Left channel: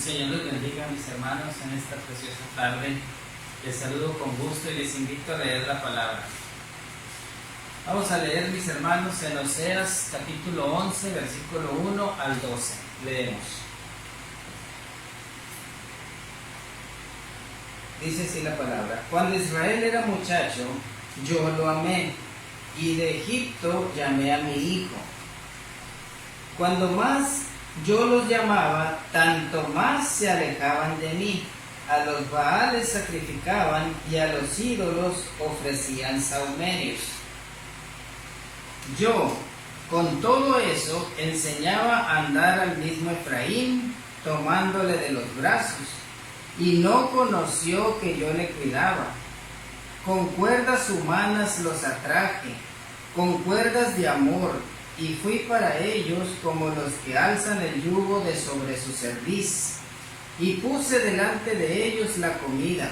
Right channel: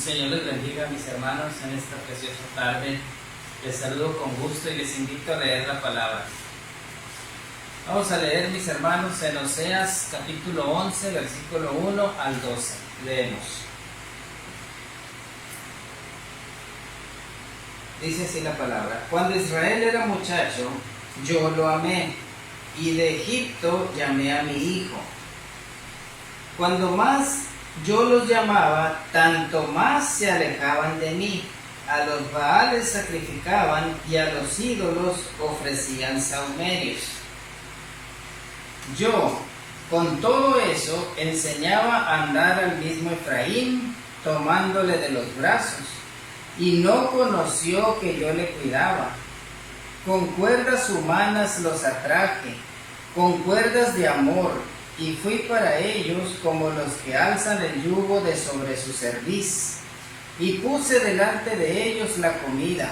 El Señor les bendiga, mis hermanos, en esta preciosa tarde. Les saludo con gusto y les invito a leer la palabra. Vamos a leer, mis hermanos, en Oseas capítulo 11, versículo 1 al 12. Leemos. Dice así la palabra: Cuando Israel era muchacho, yo lo amé, y de Egipto llamé a mi hijo. Cuando más yo los llamaba, tanto más se alejaban de mí. A los Baales sacrificaban y a los ídolos ofrecían sahumerios. Yo, con todo eso, enseñaba a andar al mismo Efraín, tomándole de los brazos, y no conoció que yo le cuidaba. Con cuerdas humanas los atraje, con cuerdas de amor, y fui para ellos como los que alzan el yugo de sobre su cerviz, y puse delante de ellos la comida.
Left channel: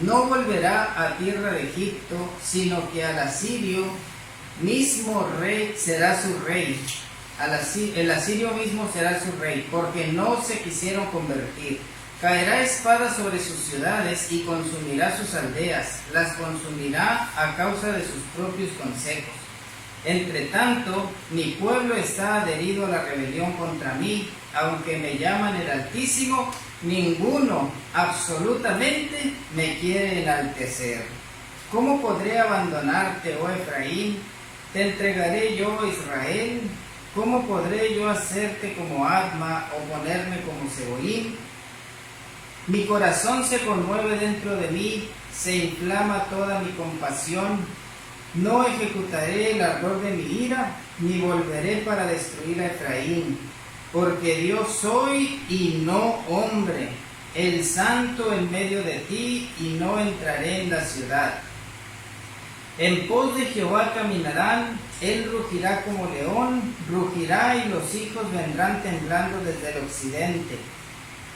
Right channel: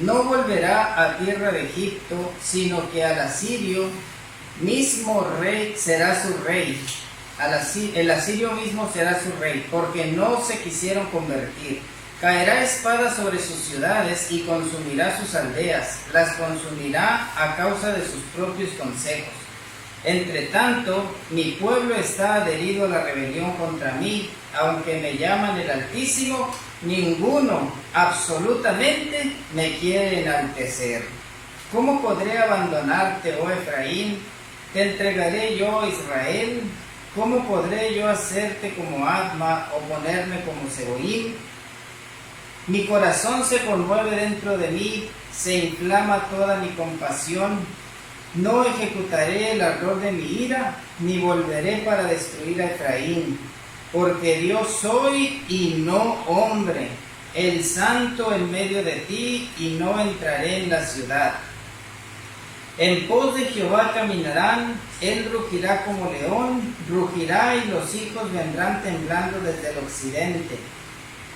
No volverá a tierra de Egipto, sino que al asirio mismo rey será su rey. El asirio mismo será su rey, porque no se quisieron convertir. Caerá espada sobre sus ciudades y consumirá sus aldeas, las consumirá a causa de sus propios consejos. Entre tanto, mi pueblo está adherido a la rebelión contra mí, aunque me llaman el Altísimo, ninguno, absolutamente, me quiere enaltecer. ¿Cómo podré abandonarte, oh Efraín? ¿Te entregaré yo, Israel? ¿Cómo podré yo hacerte como Adma o ponerme como Seboim? Mi corazón se conmueve dentro de mí, se inflama toda mi compasión. No ejecutaré el ardor de mi ira, ni volveré para destruir a Efraín, porque Dios soy y no hombre, el santo en medio de ti, y no entraré en la ciudad. En pos de Jehová caminarán, él rugirá como león, rugirá y los hijos vendrán temblando desde el occidente.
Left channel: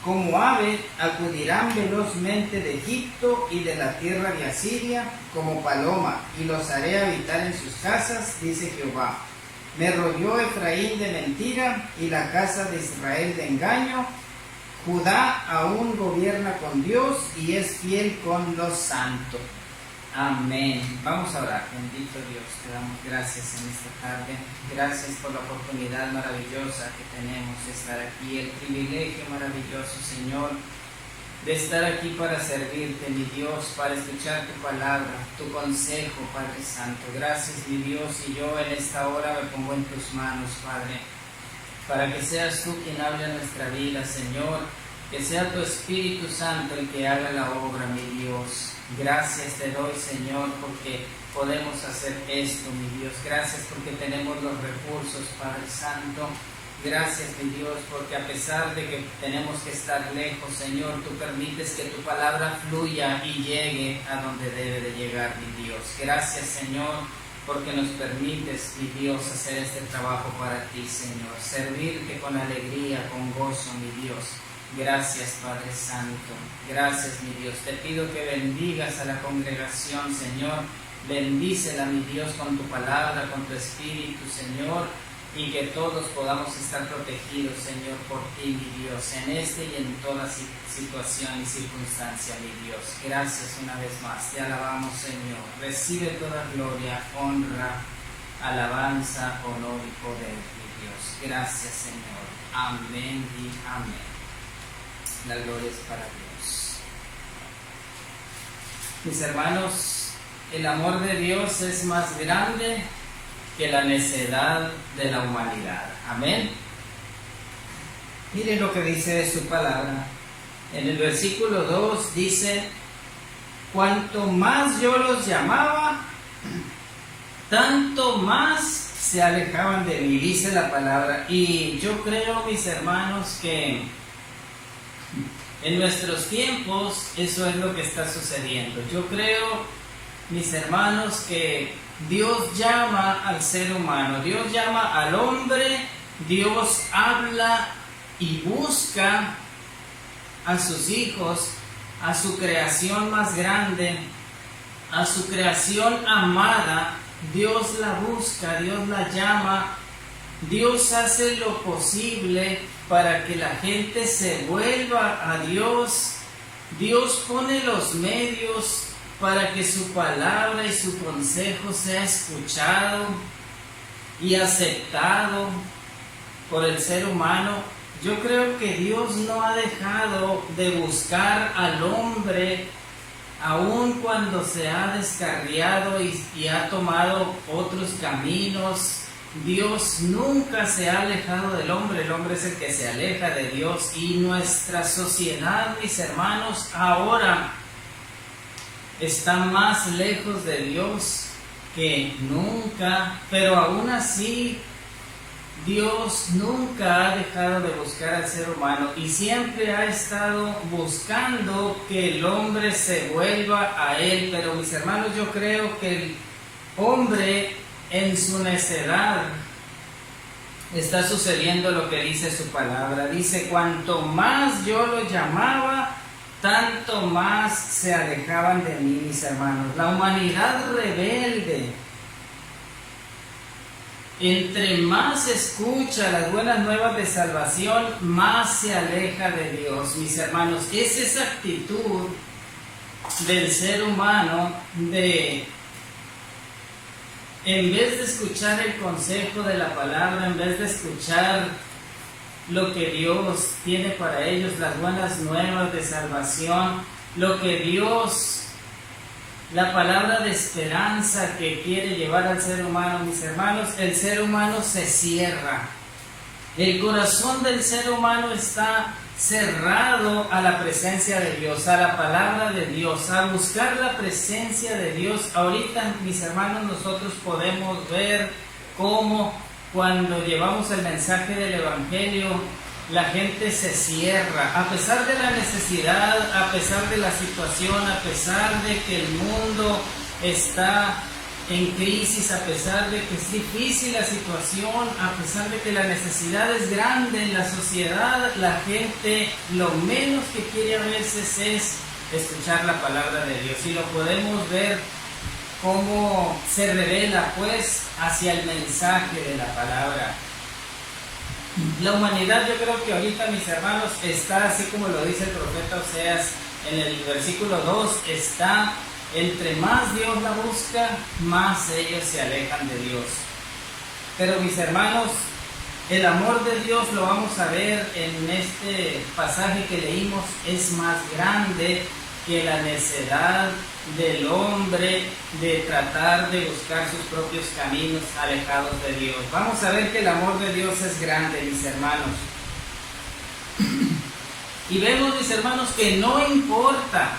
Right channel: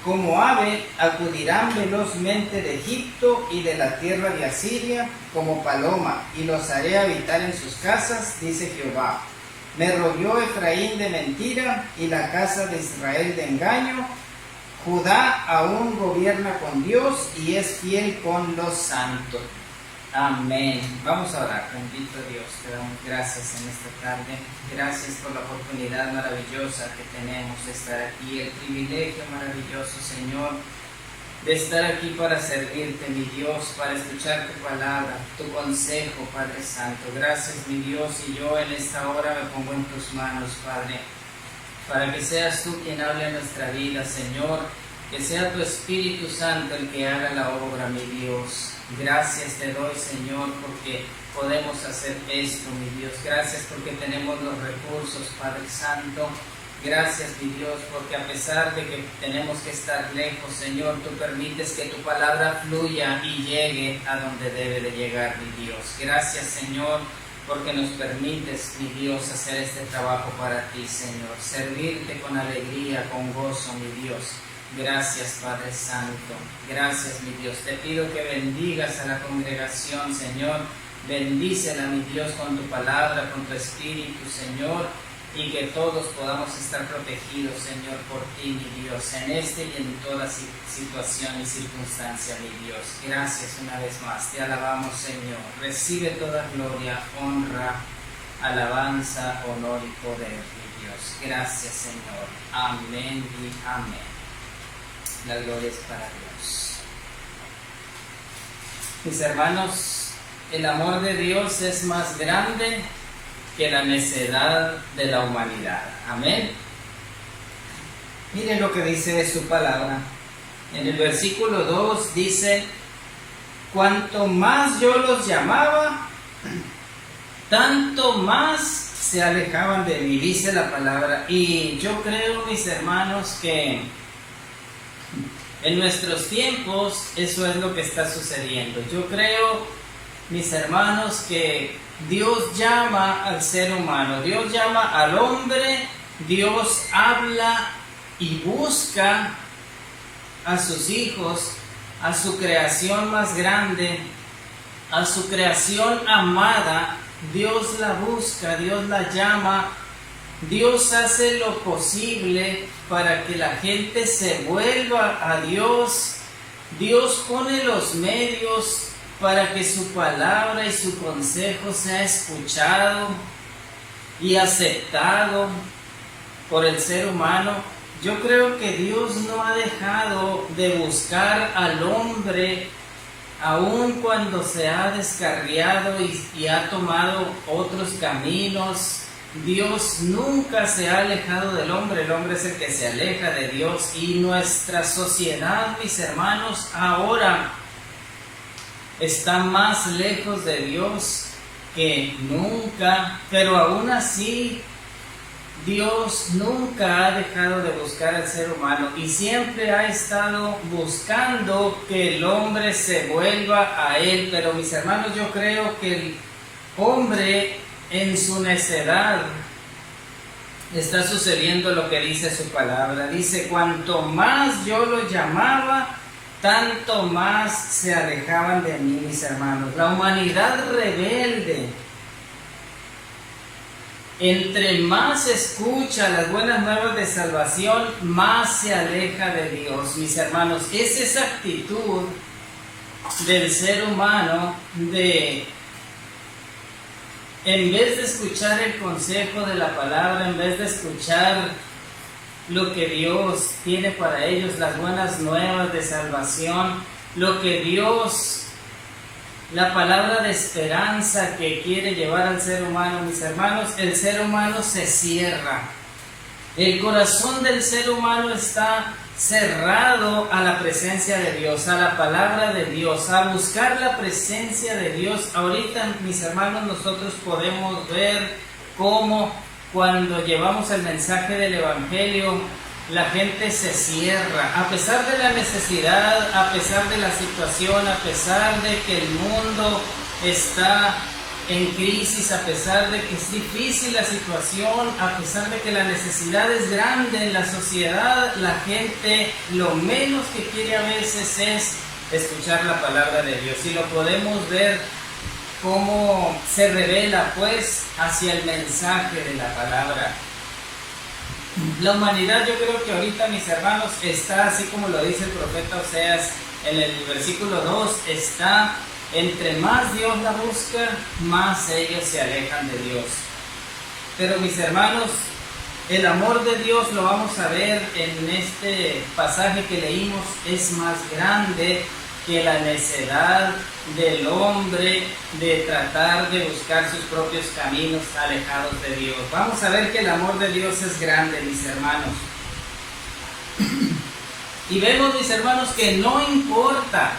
Como ave acudirán velozmente de Egipto y de la tierra de Asiria, como paloma, y los haré habitar en sus casas, dice Jehová. Me rodeó Efraín de mentira y la casa de Israel de engaño. Judá aún gobierna con Dios y es fiel con los santos. Amén. Vamos a orar. Bendito Dios, te damos gracias en esta tarde. Gracias por la oportunidad maravillosa que tenemos de estar aquí, el privilegio maravilloso, Señor, de estar aquí para servirte, mi Dios, para escuchar tu palabra, tu consejo, Padre Santo. Gracias, mi Dios, y yo en esta hora me pongo en tus manos, Padre, para que seas tú quien hable a nuestra vida, Señor, que sea tu Espíritu Santo el que haga la obra, mi Dios. Gracias te doy, Señor, porque podemos hacer esto, mi Dios. Gracias porque tenemos los recursos, Padre Santo. Gracias, mi Dios, porque a pesar de que tenemos que estar lejos, Señor, tú permites que tu palabra fluya y llegue a donde debe de llegar, mi Dios. Gracias, Señor, porque nos permites, mi Dios, hacer este trabajo para ti, Señor. Servirte con alegría, con gozo, mi Dios. Gracias, Padre Santo. Gracias, mi Dios. Te pido que bendigas a la congregación, Señor. Bendícela, mi Dios, con tu palabra, con tu Espíritu, Señor. Y que todos podamos estar protegidos, Señor, por ti, mi Dios, en este y en toda situación y circunstancia, mi Dios. Gracias una vez más. Te alabamos, Señor. Recibe toda gloria, honra, alabanza, honor y poder, mi Dios. Gracias, Señor. Amén y amén. La gloria es para Dios. Mis hermanos, el amor de Dios es más grande que la necedad de la humanidad. Amén. Miren lo que dice de su palabra. En el versículo 2 dice: cuanto más yo los llamaba, tanto más se alejaban de mí, dice la palabra. Y yo creo, mis hermanos, que en nuestros tiempos eso es lo que está sucediendo. Yo creo, mis hermanos, que Dios llama al ser humano, Dios llama al hombre, Dios habla y busca a sus hijos, a su creación más grande, a su creación amada. Dios la busca, Dios la llama Dios hace lo posible para que la gente se vuelva a Dios. Dios pone los medios para que su palabra y su consejo sea escuchado y aceptado por el ser humano. Yo creo que Dios no ha dejado de buscar al hombre, aun cuando se ha descarriado y ha tomado otros caminos. Dios nunca se ha alejado del hombre, el hombre es el que se aleja de Dios. Y nuestra sociedad, mis hermanos, ahora está más lejos de Dios que nunca, pero aún así Dios nunca ha dejado de buscar al ser humano y siempre ha estado buscando que el hombre se vuelva a Él. Pero mis hermanos, yo creo que el hombre en su necedad está sucediendo lo que dice su palabra. Dice, cuanto más yo los llamaba, tanto más se alejaban de mí, mis hermanos. La humanidad rebelde, entre más escucha las buenas nuevas de salvación, más se aleja de Dios, mis hermanos. Es esa actitud del ser humano de, en vez de escuchar el consejo de la palabra, en vez de escuchar lo que Dios tiene para ellos, las buenas nuevas de salvación, lo que Dios, la palabra de esperanza que quiere llevar al ser humano, mis hermanos, el ser humano se cierra. El corazón del ser humano está cerrado a la presencia de Dios, a la palabra de Dios, a buscar la presencia de Dios. Ahorita, mis hermanos, nosotros podemos ver cómo cuando llevamos el mensaje del Evangelio, la gente se cierra, a pesar de la necesidad, a pesar de la situación, a pesar de que el mundo está en crisis, a pesar de que es difícil la situación, a pesar de que la necesidad es grande en la sociedad, la gente lo menos que quiere a veces es escuchar la palabra de Dios. Y lo podemos ver cómo se revela pues hacia el mensaje de la palabra. La humanidad, yo creo que ahorita, mis hermanos, está así como lo dice el profeta Oseas en el versículo 2, está entre más Dios la busca, más ellos se alejan de Dios. Pero mis hermanos, el amor de Dios, lo vamos a ver en este pasaje que leímos, es más grande que la necedad del hombre de tratar de buscar sus propios caminos alejados de Dios. Vamos a ver que el amor de Dios es grande, mis hermanos. Y vemos, mis hermanos, que no importa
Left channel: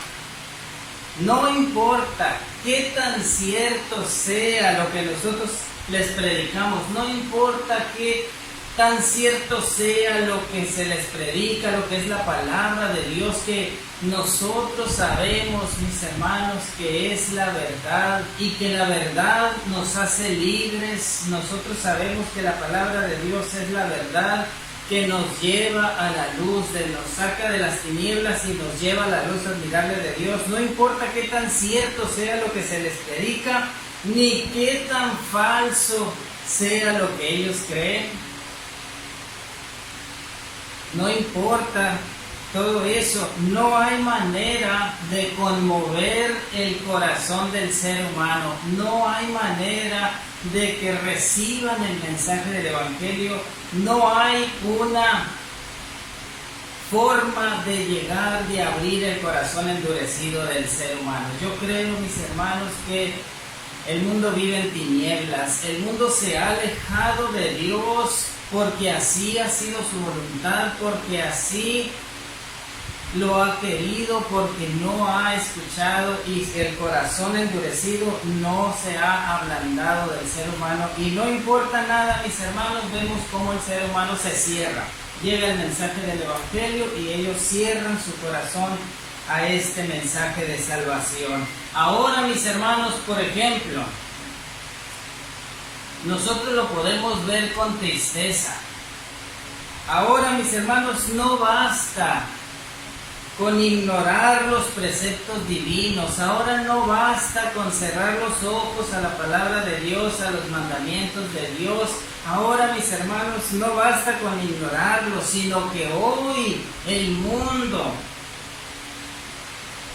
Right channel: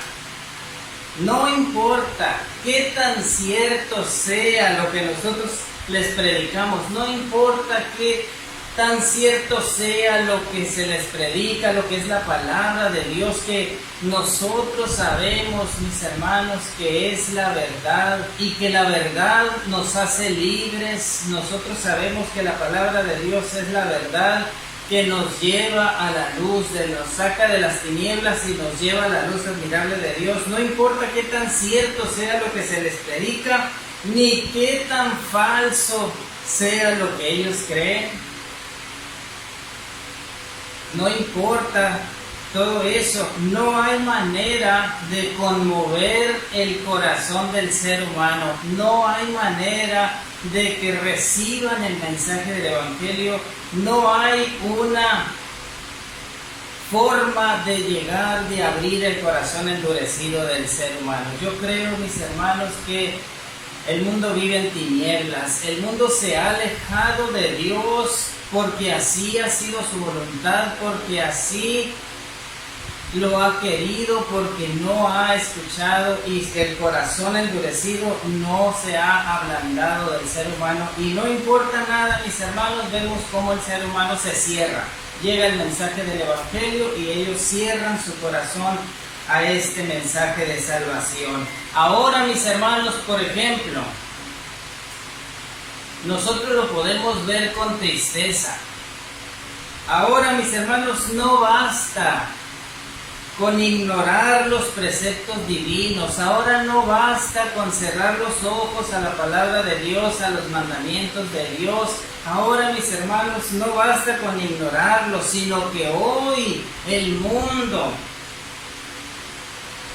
qué tan cierto sea lo que nosotros les predicamos, no importa qué tan cierto sea lo que se les predica, lo que es la palabra de Dios, que nosotros sabemos, mis hermanos, que es la verdad y que la verdad nos hace libres. Nosotros sabemos que la palabra de Dios es la verdad que nos lleva a la luz, nos saca de las tinieblas y nos lleva a la luz admirable de Dios. No importa qué tan cierto sea lo que se les predica, ni qué tan falso sea lo que ellos creen. No importa todo eso, no hay manera de conmover el corazón del ser humano, no hay manera de que reciban el mensaje del Evangelio, no hay una forma de llegar, de abrir el corazón endurecido del ser humano. Yo creo, mis hermanos, que el mundo vive en tinieblas, el mundo se ha alejado de Dios porque así ha sido su voluntad, porque así lo ha querido, porque no ha escuchado y el corazón endurecido no se ha ablandado del ser humano. Y no importa nada, mis hermanos, vemos cómo el ser humano se cierra. Llega el mensaje del Evangelio y ellos cierran su corazón a este mensaje de salvación. Ahora, mis hermanos, por ejemplo, nosotros lo podemos ver con tristeza. Ahora, mis hermanos, no basta con ignorar los preceptos divinos. Ahora no basta con cerrar los ojos a la palabra de Dios, a los mandamientos de Dios. Ahora, mis hermanos, no basta con ignorarlos, sino que hoy el mundo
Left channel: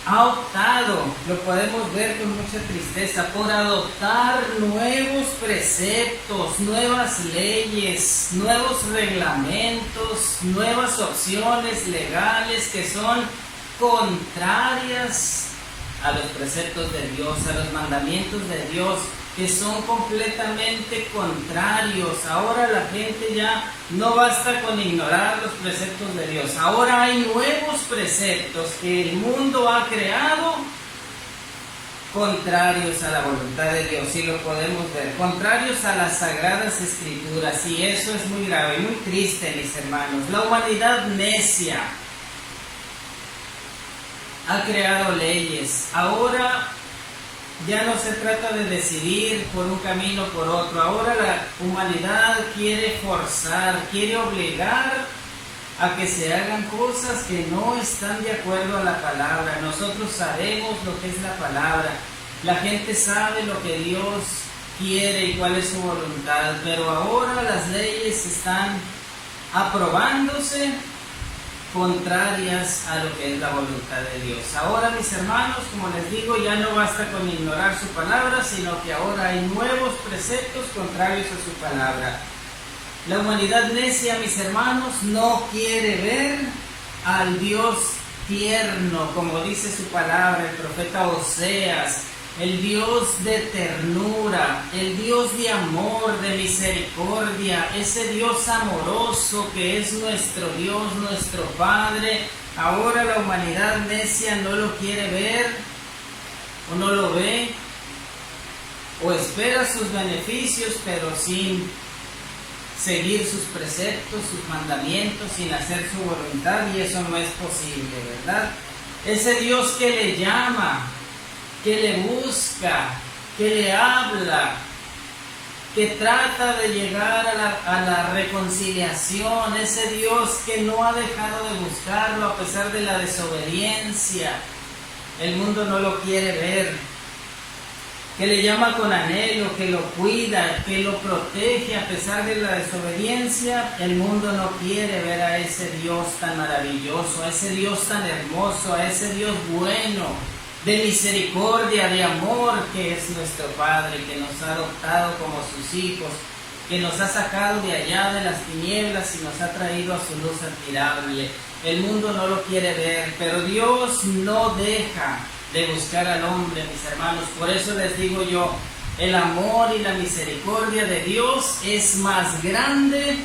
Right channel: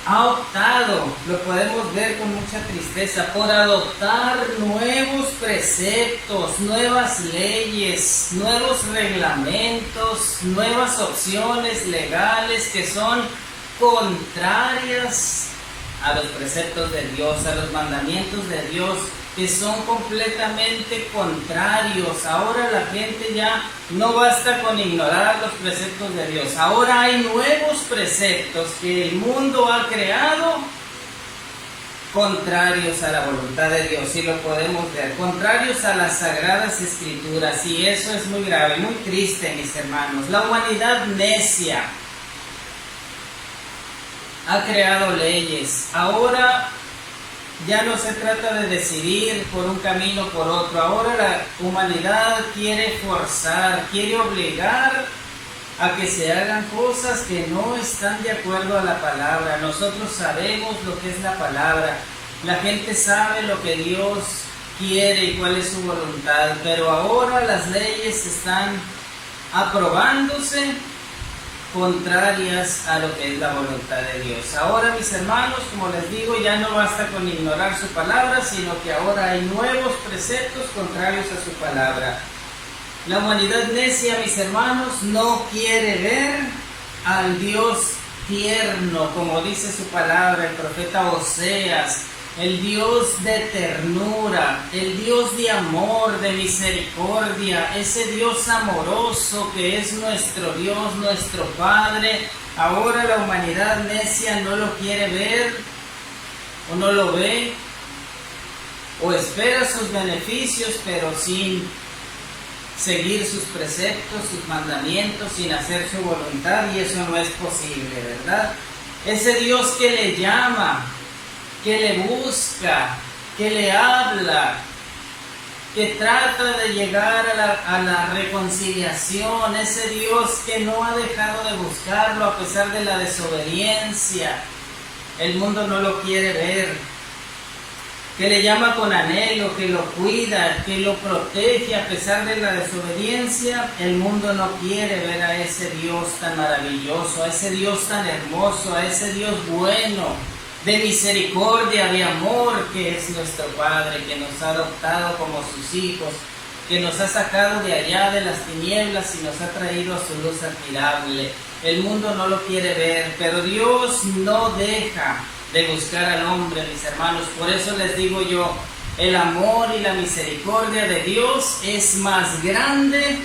ha optado, lo podemos ver con mucha tristeza, por adoptar nuevos preceptos, nuevas leyes, nuevos reglamentos, nuevas opciones legales que son contrarias a los preceptos de Dios, a los mandamientos de Dios, que son completamente contrarios. Ahora la gente ya no basta con ignorar los preceptos de Dios. Ahora hay nuevos preceptos que el mundo ha creado contrarios a la voluntad de Dios, y lo podemos ver, contrarios a las sagradas escrituras, y eso es muy grave, muy triste, mis hermanos. La humanidad necia ha creado leyes. Ahora ya no se trata de decidir por un camino o por otro. Ahora la humanidad quiere forzar, quiere obligar a que se hagan cosas que no están de acuerdo a la palabra. Nosotros sabemos lo que es la palabra. La gente sabe lo que Dios quiere y cuál es su voluntad. Pero ahora las leyes están aprobándose contrarias a lo que es la voluntad de Dios. Ahora, mis hermanos, como les digo, ya no basta con ignorar su palabra, sino que ahora hay nuevos preceptos contrarios a su palabra. La humanidad necia, mis hermanos, no quiere ver al Dios tierno, como dice su palabra, el profeta Oseas, el Dios de ternura, el Dios de amor, de misericordia, ese Dios amoroso que es nuestro Dios, nuestro Padre. Ahora la humanidad necia no lo quiere ver, o no lo ve, o espera sus beneficios, pero sin seguir sus preceptos, sus mandamientos, sin hacer su voluntad, y eso no es posible, ¿verdad? Ese Dios que le llama, que le busca, que le habla, que trata de llegar a la reconciliación, ese Dios que no ha dejado de buscarlo a pesar de la desobediencia. El mundo no lo quiere ver, que le llama con anhelo, que lo cuida, que lo protege a pesar de la desobediencia. El mundo no quiere ver a ese Dios tan maravilloso, a ese Dios tan hermoso, a ese Dios bueno, de misericordia, de amor, que es nuestro Padre, que nos ha adoptado como sus hijos, que nos ha sacado de allá de las tinieblas y nos ha traído a su luz admirable. El mundo no lo quiere ver, pero Dios no deja de buscar al hombre, mis hermanos. Por eso les digo yo, el amor y la misericordia de Dios es más grande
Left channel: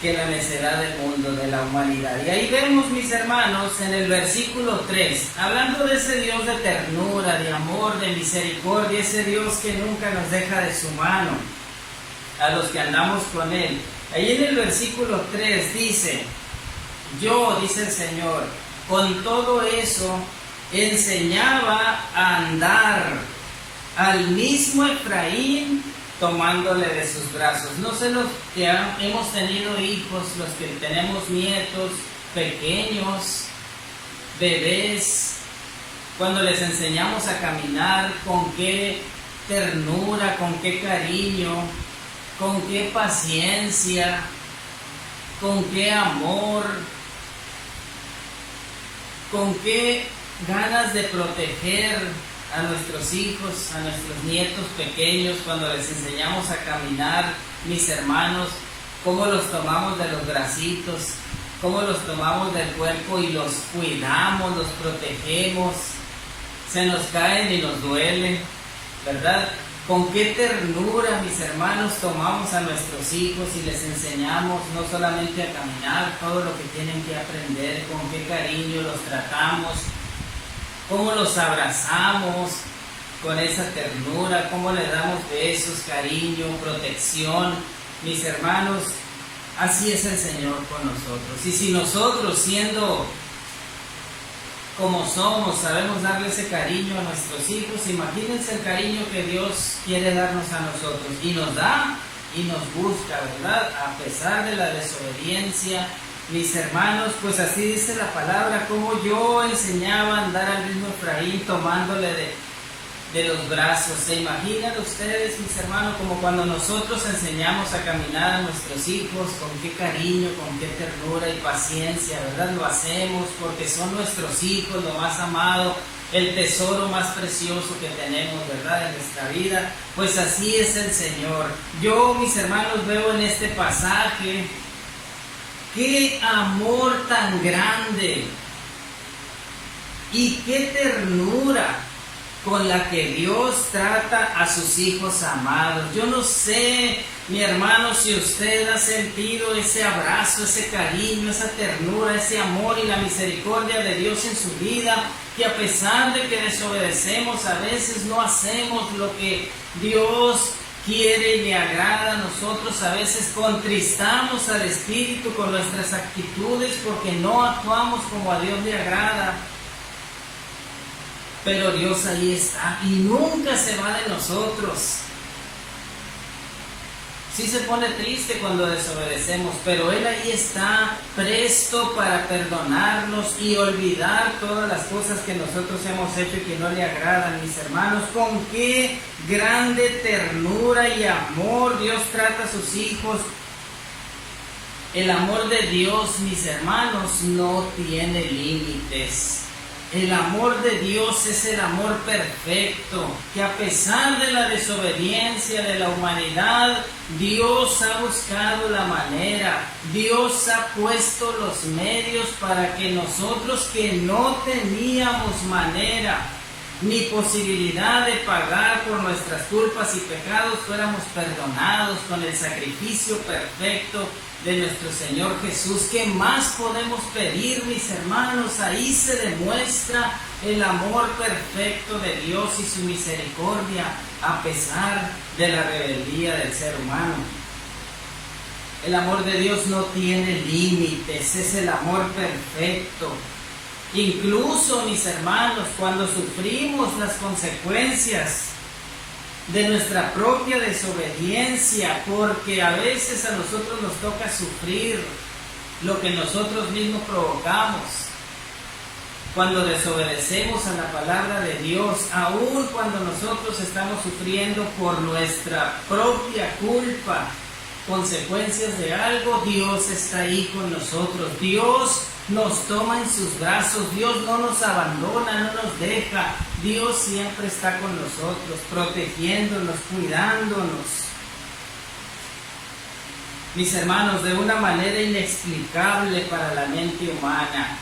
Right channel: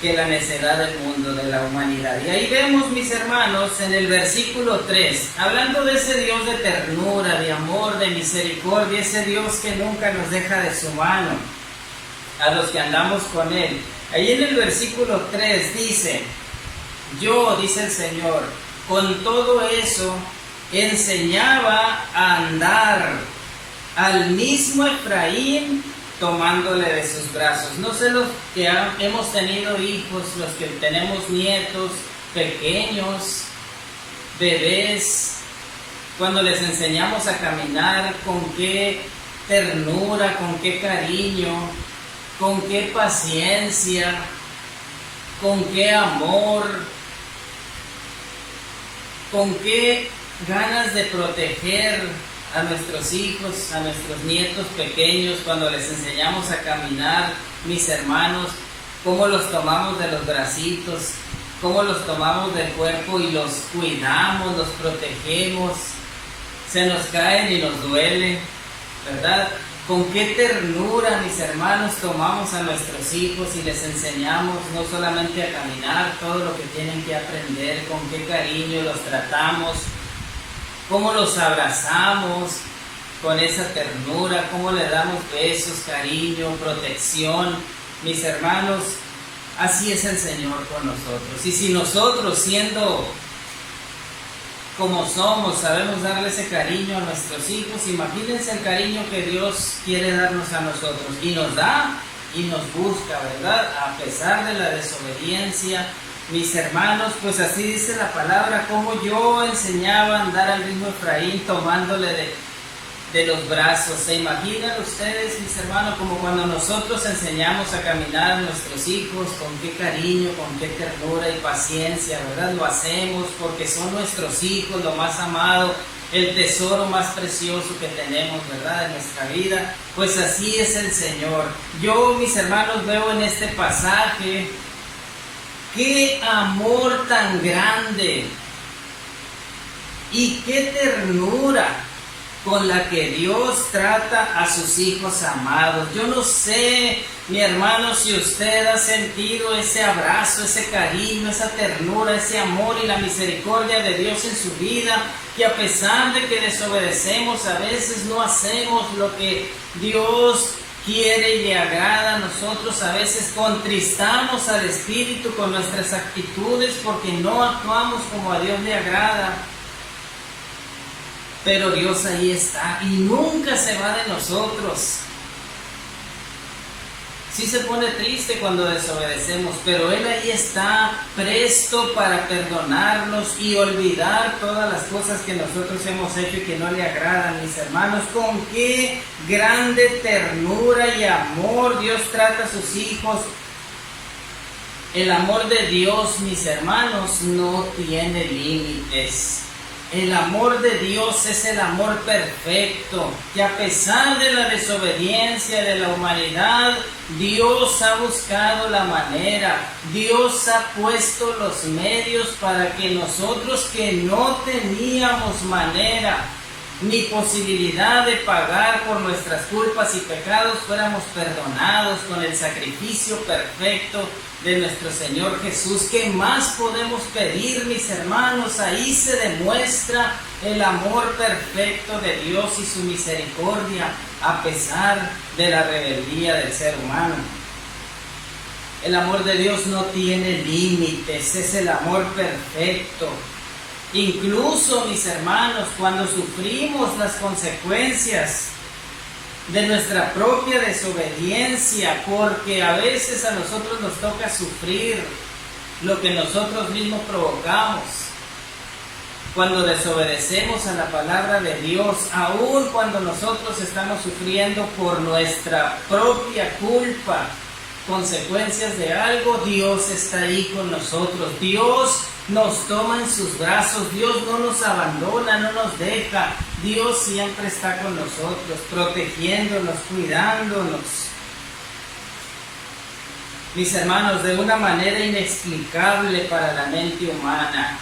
que la necedad del mundo, de la humanidad. Y ahí vemos, mis hermanos, en el versículo 3, hablando de ese Dios de ternura, de amor, de misericordia, ese Dios que nunca nos deja de su mano, a los que andamos con Él. Ahí en el versículo 3 dice, yo, dice el Señor, con todo eso enseñaba a andar al mismo Efraín, tomándole de sus brazos. No sé los que hemos tenido hijos, los que tenemos nietos pequeños, bebés, cuando les enseñamos a caminar, con qué ternura, con qué cariño, con qué paciencia, con qué amor, con qué ganas de proteger a nuestros hijos, a nuestros nietos pequeños, cuando les enseñamos a caminar, mis hermanos, cómo los tomamos de los bracitos, cómo los tomamos del cuerpo y los cuidamos, los protegemos, se nos caen y nos duele, ¿verdad? Con qué ternura, mis hermanos, tomamos a nuestros hijos y les enseñamos no solamente a caminar, todo lo que tienen que aprender, con qué cariño los tratamos, cómo los abrazamos con esa ternura, cómo le damos besos, cariño, protección. Mis hermanos, así es el Señor con nosotros. Y si nosotros, siendo como somos, sabemos darle ese cariño a nuestros hijos, imagínense el cariño que Dios quiere darnos a nosotros. Y nos da y nos busca, ¿verdad? A pesar de la desobediencia, mis hermanos, pues así dice la palabra, como yo enseñaba a andar al mismo Efraín tomándole de los brazos. ¿Se imaginan ustedes, mis hermanos, como cuando nosotros enseñamos a caminar a nuestros hijos, con qué cariño, con qué ternura y paciencia, ¿verdad? Lo hacemos porque son nuestros hijos, lo más amado, el tesoro más precioso que tenemos, ¿verdad?, en nuestra vida. Pues así es el Señor. Yo, mis hermanos, veo en este pasaje qué amor tan grande y qué ternura con la que Dios trata a sus hijos amados. Yo no sé, mi hermano, si usted ha sentido ese abrazo, ese cariño, esa ternura, ese amor y la misericordia de Dios en su vida, que a pesar de que desobedecemos, a veces no hacemos lo que Dios quiere y le agrada. A nosotros a veces contristamos al Espíritu con nuestras actitudes porque no actuamos como a Dios le agrada. Pero Dios ahí está y nunca se va de nosotros. Sí se pone triste cuando desobedecemos, pero Él ahí está presto para perdonarnos y olvidar todas las cosas que nosotros hemos hecho y que no le agradan, mis hermanos. Con qué grande ternura y amor Dios trata a sus hijos. El amor de Dios, mis hermanos, no tiene límites. El amor de Dios es el amor perfecto, que a pesar de la desobediencia de la humanidad, Dios ha buscado la manera, Dios ha puesto los medios para que nosotros que no teníamos manera ni posibilidad de pagar por nuestras culpas y pecados, fuéramos perdonados con el sacrificio perfecto de nuestro Señor Jesús. ¿Qué más podemos pedir, mis hermanos? Ahí se demuestra el amor perfecto de Dios y su misericordia a pesar de la rebeldía del ser humano. El amor de Dios no tiene límites, es el amor perfecto. Incluso, mis hermanos, cuando sufrimos las consecuencias de nuestra propia desobediencia, porque a veces a nosotros nos toca sufrir lo que nosotros mismos provocamos, cuando desobedecemos a la palabra de Dios, aun cuando nosotros estamos sufriendo por nuestra propia culpa, consecuencias de algo, Dios está ahí con nosotros. Dios nos toma en sus brazos, Dios no nos abandona, no nos deja. Dios siempre está con nosotros, protegiéndonos, cuidándonos. Mis hermanos, de una manera inexplicable para la mente humana,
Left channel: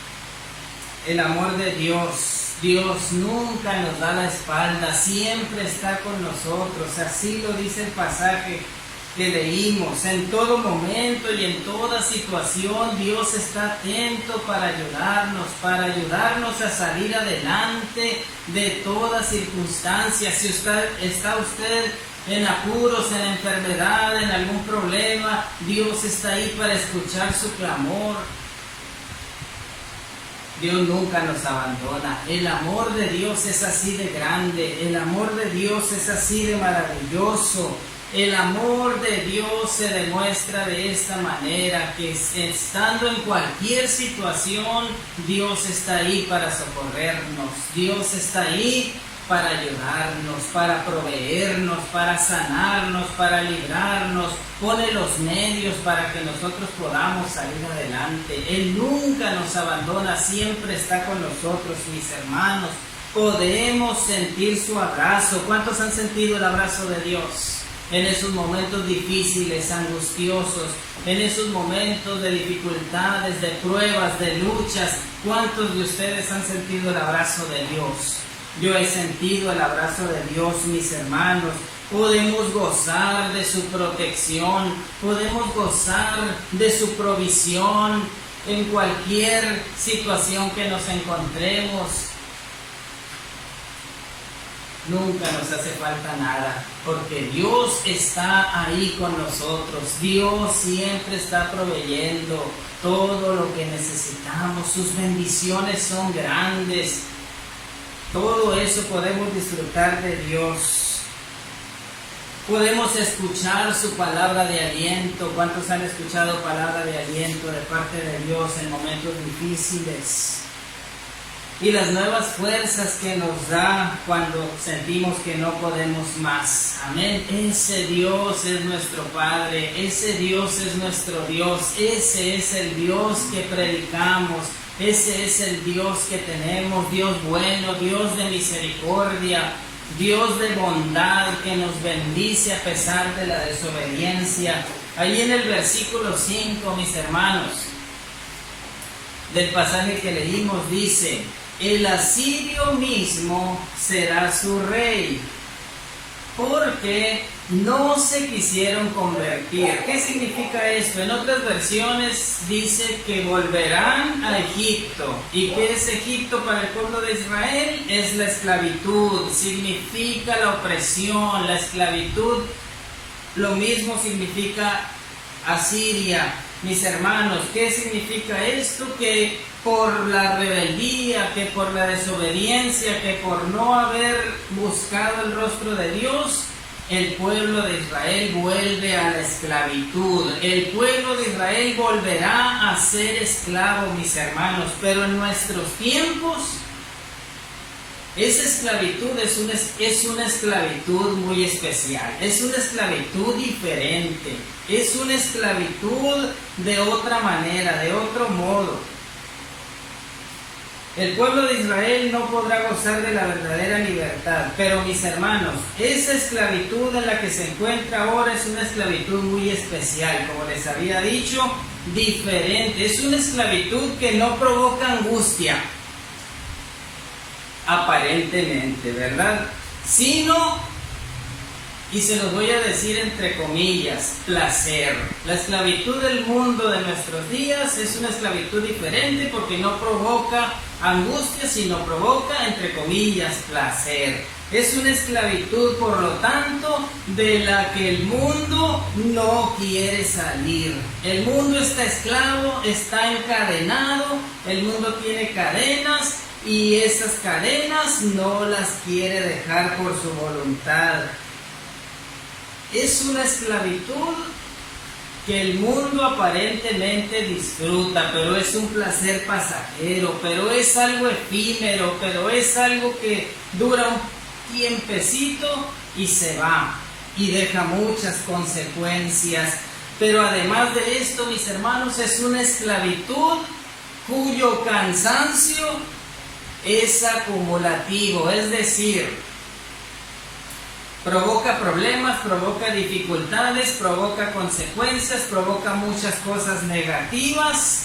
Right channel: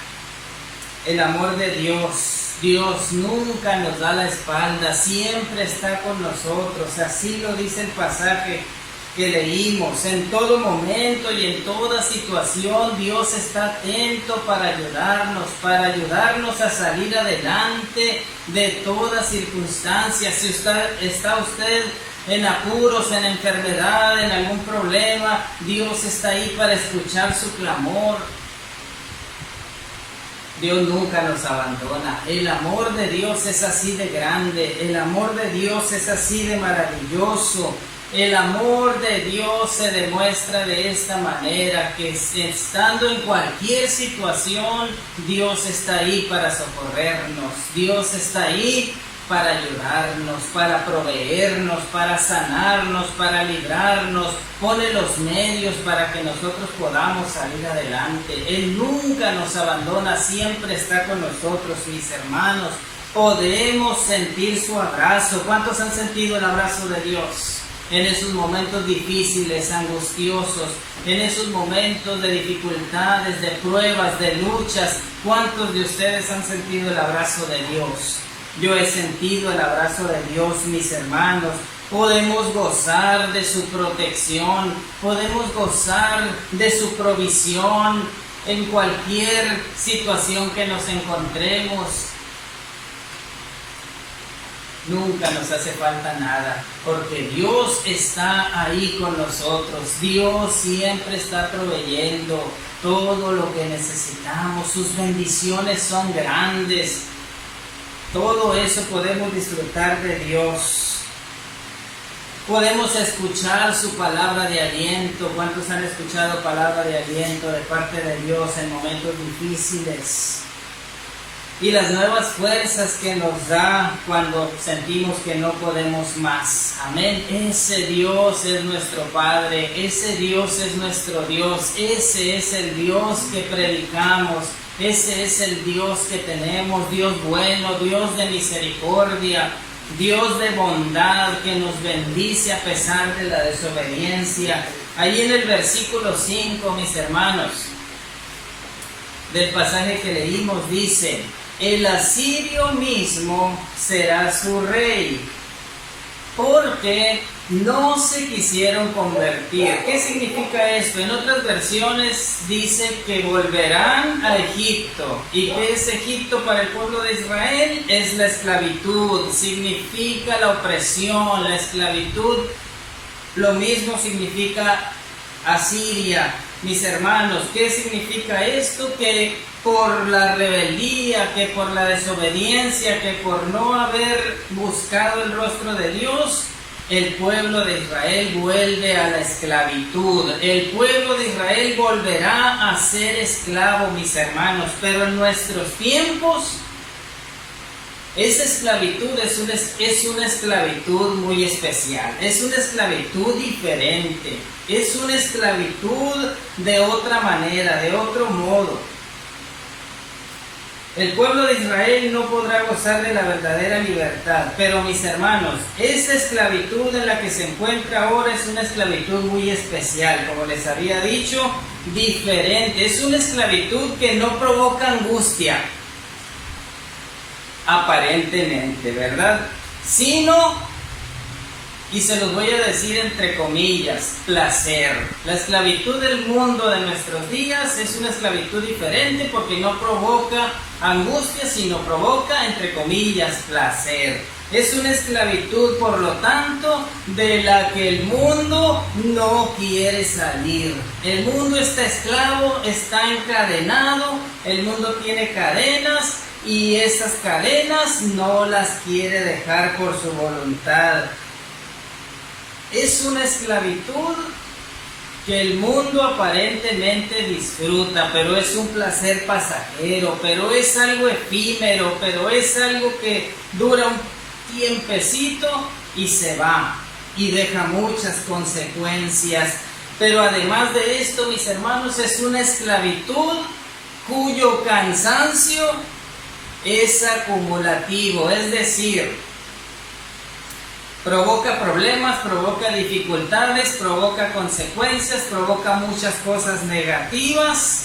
el amor de Dios, Dios nunca nos da la espalda, siempre está con nosotros. Así lo dice el pasaje que leímos. En todo momento y en toda situación Dios está atento para ayudarnos a salir adelante de toda circunstancia. Si está usted en apuros, en enfermedad, en algún problema, Dios está ahí para escuchar su clamor. Dios nunca nos abandona. El amor de Dios es así de grande, el amor de Dios es así de maravilloso. El amor de Dios se demuestra de esta manera, que estando en cualquier situación, Dios está ahí para socorrernos, Dios está ahí para ayudarnos, para proveernos, para sanarnos, para librarnos, pone los medios para que nosotros podamos salir adelante. Él nunca nos abandona, siempre está con nosotros, mis hermanos. Podemos sentir su abrazo. ¿Cuántos han sentido el abrazo de Dios? En esos momentos difíciles, angustiosos, en esos momentos de dificultades, de pruebas, de luchas, ¿cuántos de ustedes han sentido el abrazo de Dios? Yo he sentido el abrazo de Dios, mis hermanos. Podemos gozar de su protección, podemos gozar de su provisión en cualquier situación que nos encontremos. Nunca nos hace falta nada, porque Dios está ahí con nosotros. Dios siempre está proveyendo todo lo que necesitamos. Sus bendiciones son grandes. Todo eso podemos disfrutar de Dios. Podemos escuchar su palabra de aliento. ¿Cuántos han escuchado palabra de aliento de parte de Dios en momentos difíciles? Y las nuevas fuerzas que nos da cuando sentimos que no podemos más. Amén. Ese Dios es nuestro Padre. Ese Dios es nuestro Dios. Ese es el Dios que predicamos. Ese es el Dios que tenemos. Dios bueno, Dios de misericordia, Dios de bondad, que nos bendice a pesar de la desobediencia. Ahí en el versículo 5, mis hermanos, del pasaje que leímos, dice: el asirio mismo será su rey, porque no se quisieron convertir. ¿Qué significa esto? En otras versiones dice que volverán a Egipto. ¿Y qué es Egipto para el pueblo de Israel? Es la esclavitud, significa la opresión, la esclavitud. Lo mismo significa Asiria. Mis hermanos, ¿qué significa esto? Que por la rebeldía, que por la desobediencia, que por no haber buscado el rostro de Dios, el pueblo de Israel vuelve a la esclavitud. El pueblo de Israel volverá a ser esclavo, mis hermanos. Pero en nuestros tiempos, esa esclavitud es una esclavitud muy especial. Es una esclavitud diferente. Es una esclavitud de otra manera, de otro modo. El pueblo de Israel no podrá gozar de la verdadera libertad, pero mis hermanos, esa esclavitud en la que se encuentra ahora es una esclavitud muy especial, como les había dicho, diferente. Es una esclavitud que no provoca angustia, aparentemente, ¿verdad? Sino, y se los voy a decir entre comillas, placer. La esclavitud del mundo de nuestros días es una esclavitud diferente porque no provoca angustia, sino provoca, entre comillas, placer. Es una esclavitud, por lo tanto, de la que el mundo no quiere salir. El mundo está esclavo, está encadenado, el mundo tiene cadenas y esas cadenas no las quiere dejar por su voluntad. Es una esclavitud que el mundo aparentemente disfruta, pero es un placer pasajero, pero es algo efímero, pero es algo que dura un tiempecito y se va y deja muchas consecuencias. Pero además de esto, mis hermanos, es una esclavitud cuyo cansancio es acumulativo, es decir, provoca problemas, provoca dificultades, provoca consecuencias, provoca muchas cosas negativas,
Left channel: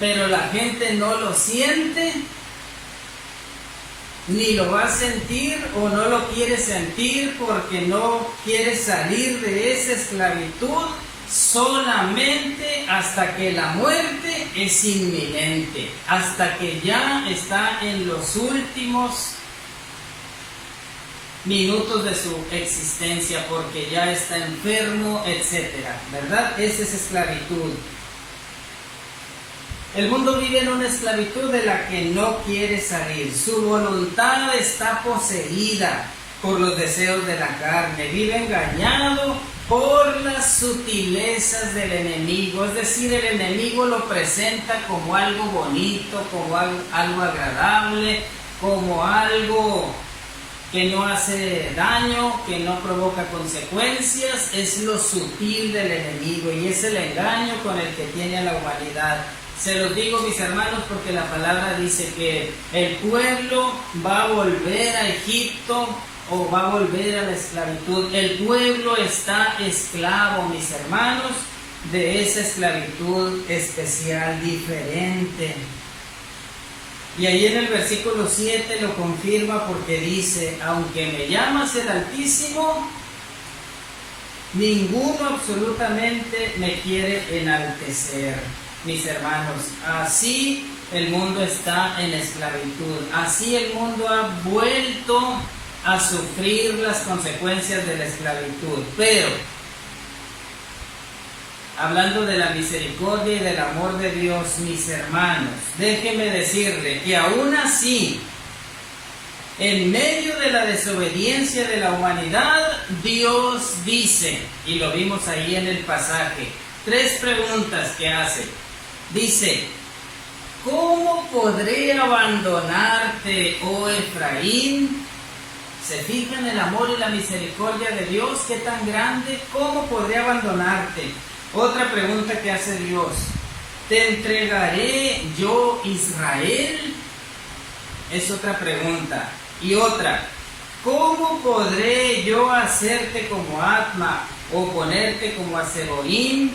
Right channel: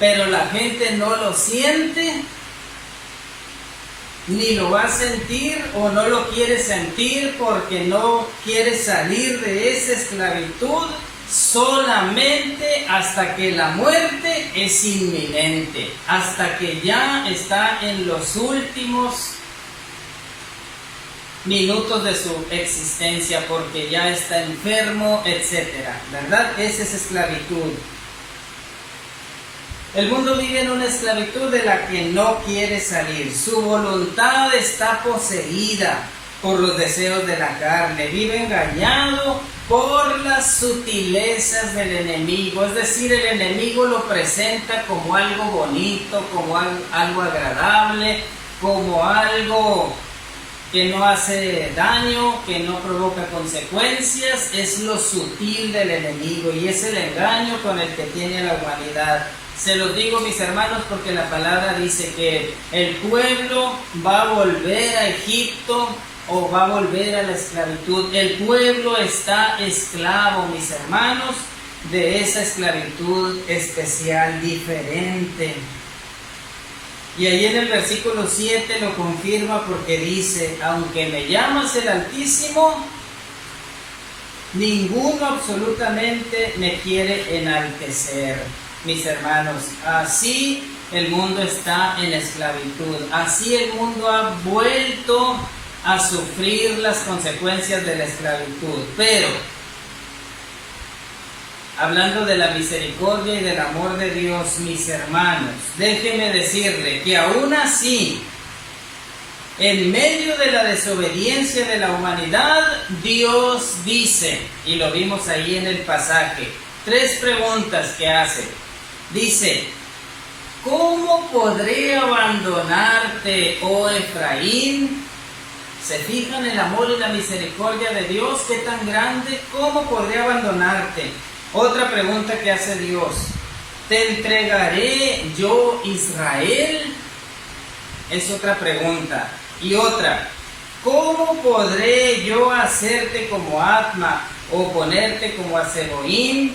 pero la gente no lo siente, ni lo va a sentir o no lo quiere sentir porque no quiere salir de esa esclavitud solamente hasta que la muerte es inminente, hasta que ya está en los últimos minutos de su existencia, porque ya está enfermo, etcétera, ¿verdad? Esa es esclavitud. El mundo vive en una esclavitud de la que no quiere salir. Su voluntad está poseída por los deseos de la carne. Vive engañado por las sutilezas del enemigo. Es decir, el enemigo lo presenta como algo bonito, como algo agradable, como algo que no hace daño, que no provoca consecuencias. Es lo sutil del enemigo y es el engaño con el que tiene la humanidad. Se los digo, mis hermanos, porque la palabra dice que el pueblo va a volver a Egipto o va a volver a la esclavitud. El pueblo está esclavo, mis hermanos, de esa esclavitud especial, diferente. Y ahí en el versículo 7 lo confirma porque dice: aunque me llamas el Altísimo, ninguno absolutamente me quiere enaltecer. Mis hermanos, así el mundo está en esclavitud, así el mundo ha vuelto a sufrir las consecuencias de la esclavitud. Pero, hablando de la misericordia y del amor de Dios, mis hermanos, déjenme decirle que aún así, En medio de la desobediencia de la humanidad, Dios dice, y lo vimos ahí en el pasaje, 3 preguntas que hace. Dice, ¿cómo podré abandonarte, oh Efraín? ¿Se fijan el amor y la misericordia de Dios? ¿Qué tan grande? ¿Cómo podré abandonarte? Otra pregunta que hace Dios, ¿te entregaré yo Israel? Es otra pregunta. Y otra, ¿cómo podré yo hacerte como Atma o ponerte como a Zeboim?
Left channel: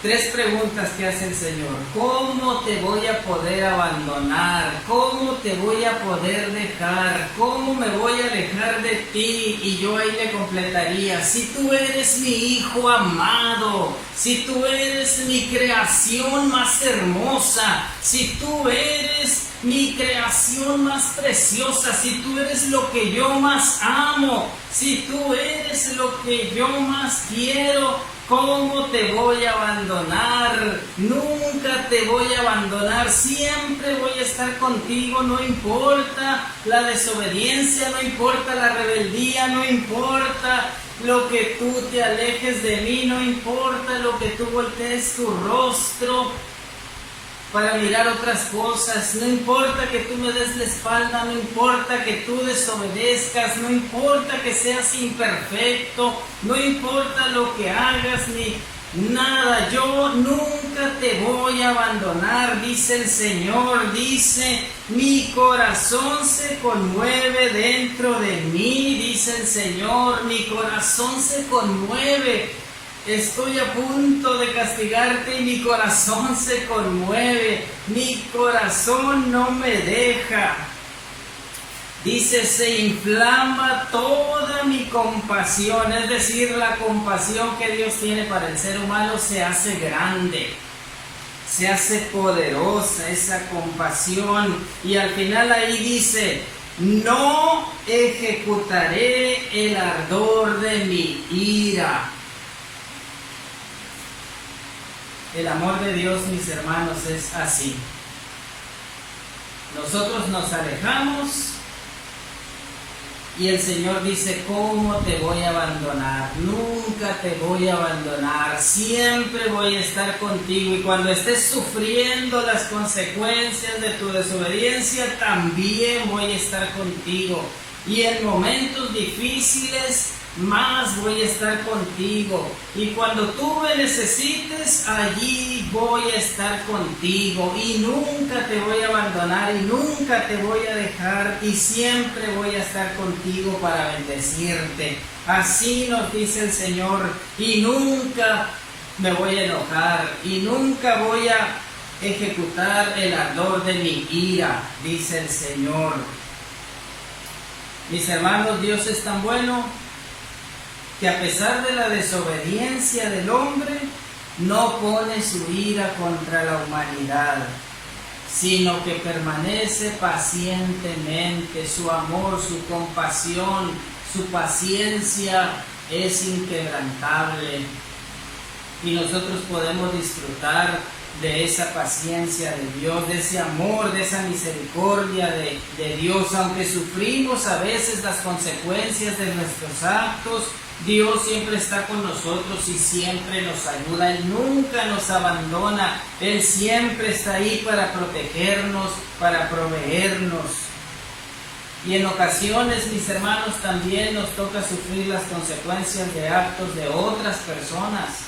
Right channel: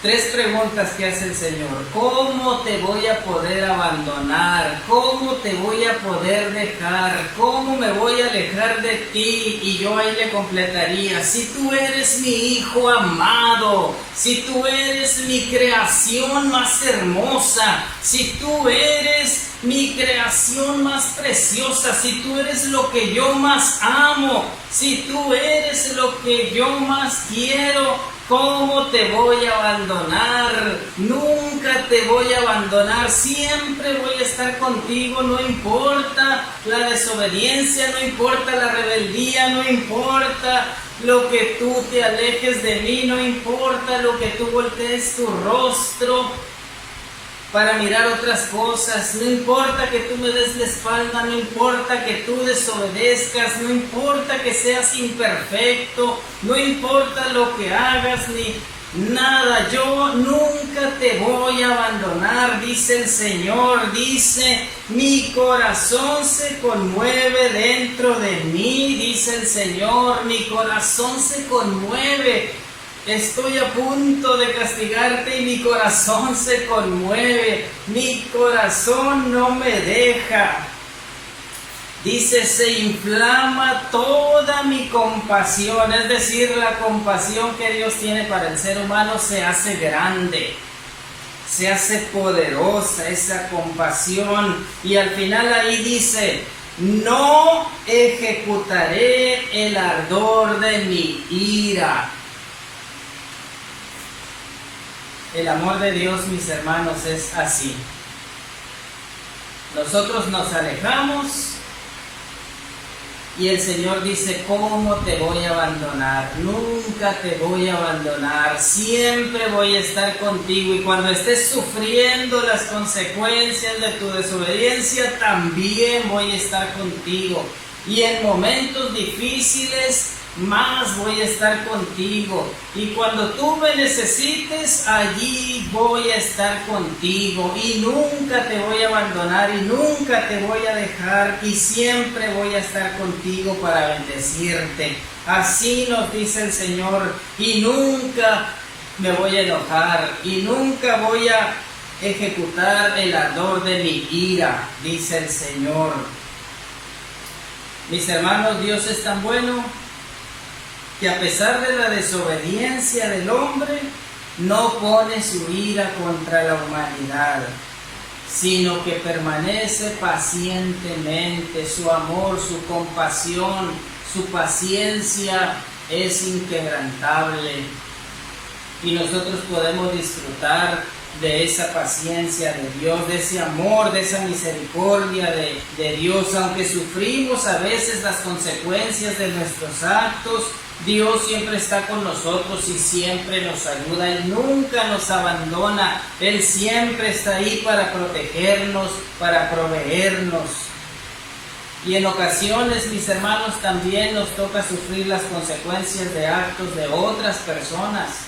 3 preguntas que hace el Señor. ¿Cómo te voy a poder abandonar? ¿Cómo te voy a poder dejar? ¿Cómo me voy a alejar de ti? Y yo ahí le completaría, si tú eres mi hijo amado, si tú eres mi creación más hermosa, si tú eres mi creación más preciosa, si tú eres lo que yo más amo, si tú eres lo que yo más quiero, ¿cómo te voy a abandonar? Nunca te voy a abandonar, siempre voy a estar contigo, no importa la desobediencia, no importa la rebeldía, no importa lo que tú te alejes de mí, no importa lo que tú voltees tu rostro para mirar otras cosas, no importa que tú me des la espalda, no importa que tú desobedezcas, no importa que seas imperfecto, no importa lo que hagas ni nada, yo nunca te voy a abandonar, dice el Señor. Dice, mi corazón se conmueve dentro de mí, dice el Señor, mi corazón se conmueve. Estoy a punto de castigarte y mi corazón se conmueve, mi corazón no me deja. Dice, se inflama toda mi compasión, es decir, la compasión que Dios tiene para el ser humano se hace grande, se hace poderosa esa compasión. Y al final ahí dice, no ejecutaré el ardor de mi ira. El amor de Dios, mis hermanos, es así. Nosotros nos alejamos y el Señor dice, ¿cómo te voy a abandonar? Nunca te voy a abandonar, siempre voy a estar contigo. Y cuando estés sufriendo las consecuencias de tu desobediencia, también voy a estar contigo. Y en momentos difíciles, más voy a estar contigo, y cuando tú me necesites, allí voy a estar contigo, y nunca te voy a abandonar, y nunca te voy a dejar, y siempre voy a estar contigo para bendecirte. Así nos dice el Señor, y nunca me voy a enojar, y nunca voy a ejecutar el ardor de mi ira, dice el Señor. Mis hermanos, Dios es tan bueno que a pesar de la desobediencia del hombre, no pone su ira contra la humanidad, sino que permanece pacientemente. Su amor, su compasión, su paciencia es inquebrantable. Y nosotros podemos disfrutar de esa paciencia de Dios, de ese amor, de esa misericordia de Dios. Aunque sufrimos a veces las consecuencias de nuestros actos, Dios siempre está con nosotros y siempre nos ayuda. Él nunca nos abandona. Él siempre está ahí para protegernos, para proveernos. Y en ocasiones, mis hermanos, también nos toca sufrir las consecuencias de actos de otras personas.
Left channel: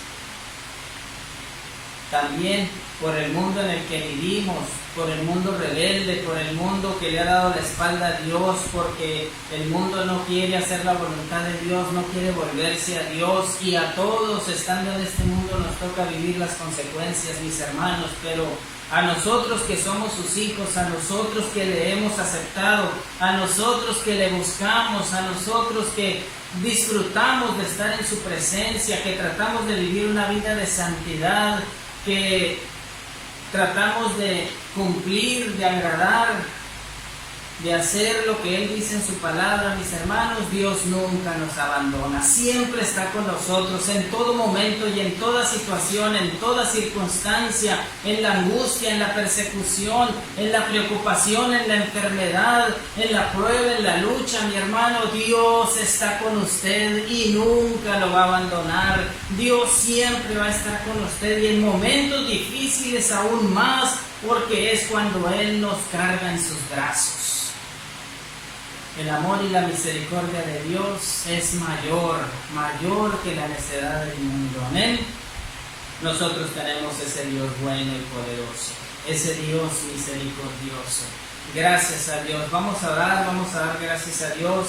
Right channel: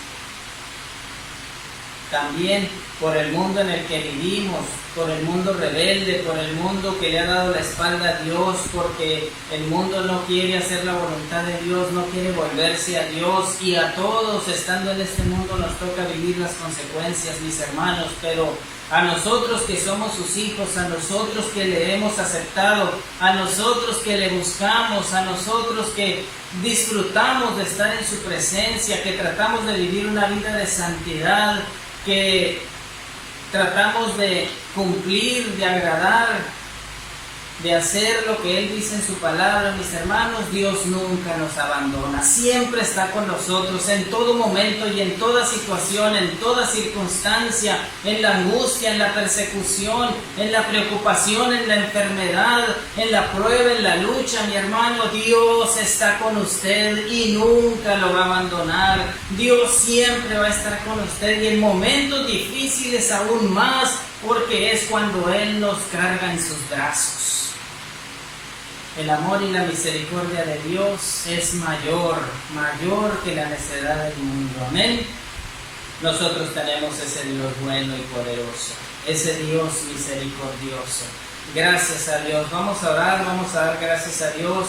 También por el mundo en el que vivimos, por el mundo rebelde, por el mundo que le ha dado la espalda a Dios, porque el mundo no quiere hacer la voluntad de Dios, no quiere volverse a Dios, y a todos estando en este mundo nos toca vivir las consecuencias, mis hermanos. Pero a nosotros que somos sus hijos, a nosotros que le hemos aceptado, a nosotros que le buscamos, a nosotros que disfrutamos de estar en su presencia, que tratamos de vivir una vida de santidad, que tratamos de cumplir, de agradar, de hacer lo que Él dice en su palabra, mis hermanos, Dios nunca nos abandona, siempre está con nosotros en todo momento y en toda situación, en toda circunstancia, en la angustia, en la persecución, en la preocupación, en la enfermedad, en la prueba, en la lucha, mi hermano, Dios está con usted y nunca lo va a abandonar. Dios siempre va a estar con usted y en momentos difíciles aún más, porque es cuando Él nos carga en sus brazos. El amor y la misericordia de Dios es mayor que la necedad del mundo. Amén. Nosotros tenemos ese Dios bueno y poderoso, ese Dios misericordioso. Gracias a Dios. Vamos a orar, vamos a dar gracias a Dios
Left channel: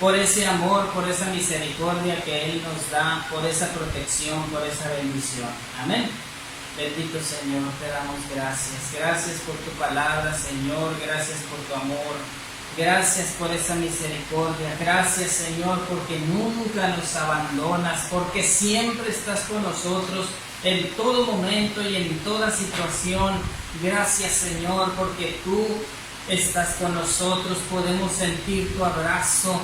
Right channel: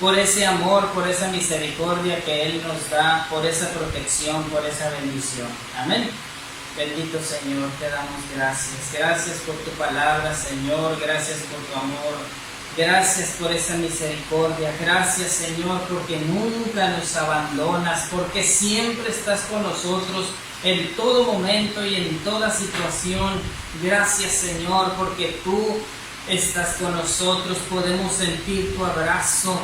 por ese amor, por esa misericordia que Él nos da, por esa protección, por esa bendición. Amén. Bendito Señor, te damos gracias. Gracias por tu palabra, Señor. Gracias por tu amor. Gracias por esa misericordia. Gracias, Señor, porque nunca nos abandonas, porque siempre estás con nosotros en todo momento y en toda situación. Gracias, Señor, porque tú estás con nosotros. Podemos sentir tu abrazo.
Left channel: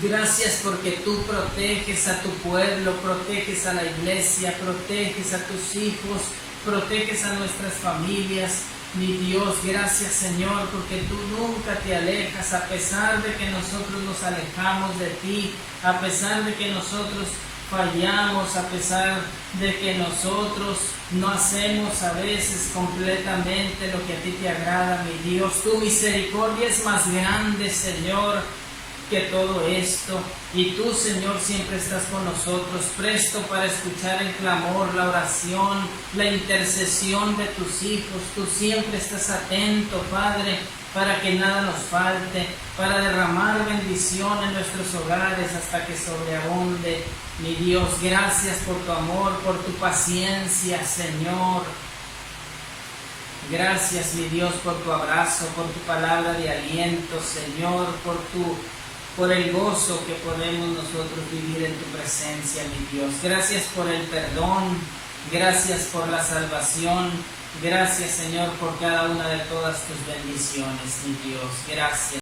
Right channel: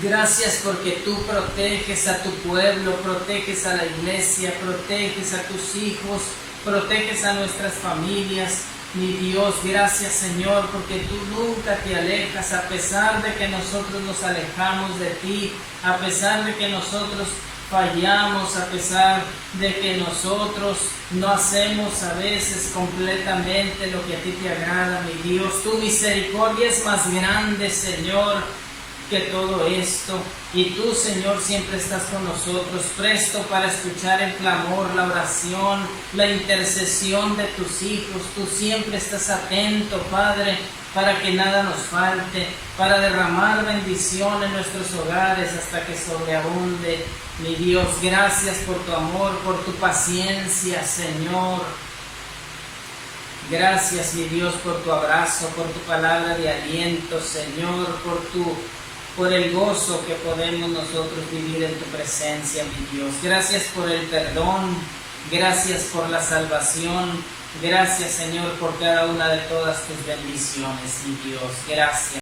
Gracias porque tú proteges a tu pueblo, proteges a la iglesia, proteges a tus hijos, proteges a nuestras familias. Mi Dios, gracias Señor, porque tú nunca te alejas, a pesar de que nosotros nos alejamos de ti, a pesar de que nosotros fallamos, a pesar de que nosotros no hacemos a veces completamente lo que a ti te agrada, mi Dios. Tu misericordia es más grande, Señor, que todo esto, y tú, Señor, siempre estás con nosotros, presto para escuchar el clamor, la oración, la intercesión de tus hijos. Tú siempre estás atento, Padre, para que nada nos falte, para derramar bendición en nuestros hogares hasta que sobreabunde. Mi Dios, gracias por tu amor, por tu paciencia, Señor. Gracias, mi Dios, por tu abrazo, por tu palabra de aliento, Señor, por el gozo que podemos nosotros vivir en tu presencia, mi Dios. Gracias por el perdón, gracias por la salvación, gracias, Señor, por cada una de todas tus bendiciones, mi Dios. Gracias.